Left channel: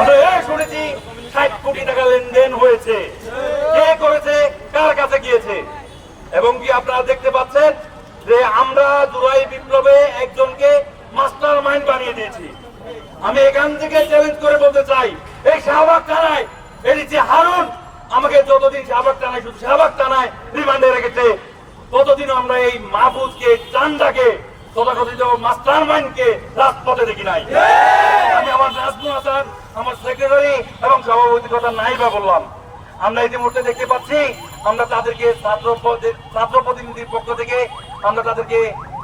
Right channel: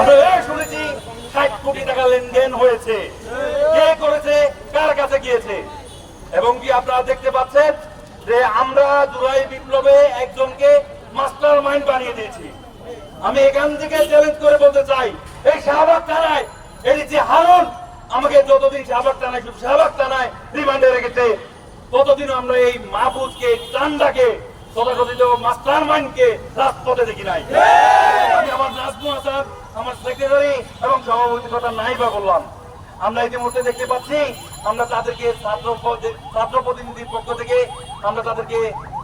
আমরা শুনেছি 60 কোটি টাকা লেনদেন হয়েছে, কে করেছে, কার কাছে গিয়েছে। এবং কি আপনারা দেখতে পাচ্ছেন যে আমরা জুলাই বিপ্লবে একজনকে মাস্টার মাইন্ড বানিয়ে দিয়েছি। আমি এখান থেকে চ্যালেঞ্জ করে বলতে চাই, এই শাহবাগ থানায় এই যে হারুন আমাকে যতদিন শাহবাগ থানায়, শুধু শাহবাগ থানায় রিমান্ডে রেখেছে, ততদিন আমরা এই মাহফুজকে, চান্দাকে, তথাকথিত মাস্টার মাইন্ডকে রাজপথে দেখি নাই। আমি আমার নাজমুল হাসান, আমার সেক্রেটারি এবং সভাপতির কথা নাই বা বললাম। আমরা ইতিমধ্যে দেখতে পাচ্ছি আমরা তাদেরকে ছাত্র প্রতিনিধির পক্ষ থেকে আমরা তাদেরকে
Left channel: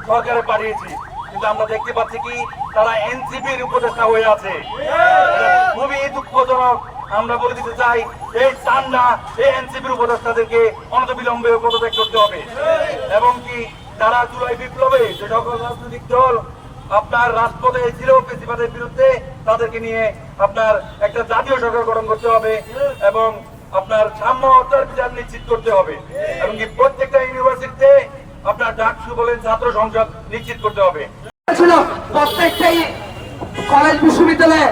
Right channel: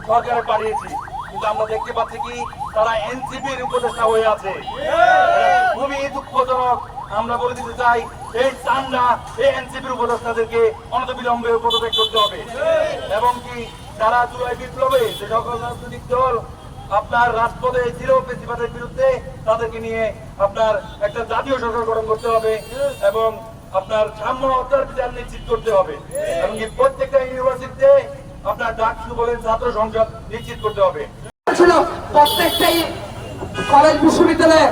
সরকারে পাঠিয়েছি, কিন্তু আমরা দেখতে পাচ্ছি কি তারা এনসিপির উপদেষ্টা হয়ে আছে। খুবই দুঃখজনক। আমরা বলে দিতে চাই, এই চান্দা, এই এনসিপির উপদেষ্টাদেরকে অনতিবিলম্বে পদত্যাগ করতে হবে। এবং কি যারা জুলাই বিপ্লবে যে সকল রাজনৈতিক দল আপনার রাজপথে ছিল ফ্যাসিবাদের বিরুদ্ধে, তাদেরকে নিয়ে আপনার একটা জাতীয় সরকার গঠন করতে হবে এবং আপনার সাম্য হত্যার বিচার নিশ্চিত করতে হবে। এবং কি প্রত্যেকটা ইউনিভার্সিটিতে আপনার ডাকসু বলেন, ছাত্র সংসদ নিশ্চিত করতে হবে। ছিল প্রত্যেকটাই কলেজ বিশ্ববিদ্যালয়ে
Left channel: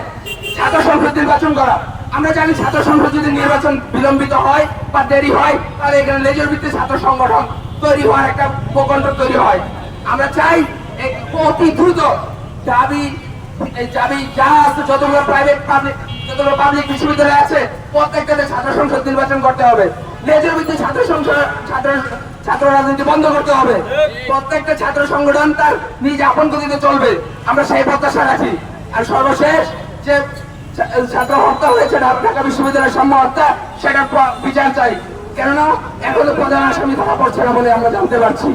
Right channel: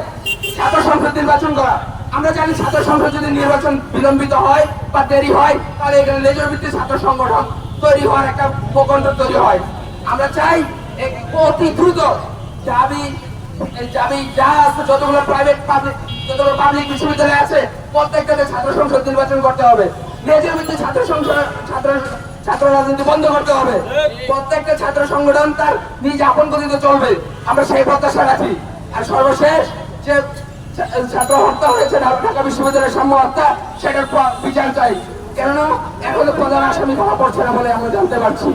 ছাত্র সংসদ নির্বাচন করা। আমরা জানি ছাত্র সংসদ যদি নির্বাচন বিলম্বিত হয় বা দেরি হয়, তাহলে এখানে লেজর ভিত্তিক ছাত্র সংগঠন তৈরি হওয়ার একটা প্রকল্প তৈরি হয়। আমরা চাই অতি দ্রুত দাবি যা আছে, যতগুলো প্রাইভেট যতগুলো পাবলিক বিশ্ববিদ্যালয় আছে, প্রত্যেকটাতে ছাত্র সংসদ নির্বাচন করতে হবে। লেজর ভিত্তিক ছাত্র রাজনীতি বন্ধ করতে হবে। প্রত্যেকটা ছাত্র সংগঠন তার নিজ আপন গতিতে চলবে, আমরা সেই প্রত্যাশা রাখি। আর সর্বশেষ যে ছাত্র হত্যা হয়েছে ঢাকা বিশ্ববিদ্যালয়ের সাম্য হত্যা, সেটার বিচার চাই। কেননা এখনো প্রধান আসামি ধরা পড়ছে না বলে আমরা জানতে পারছি।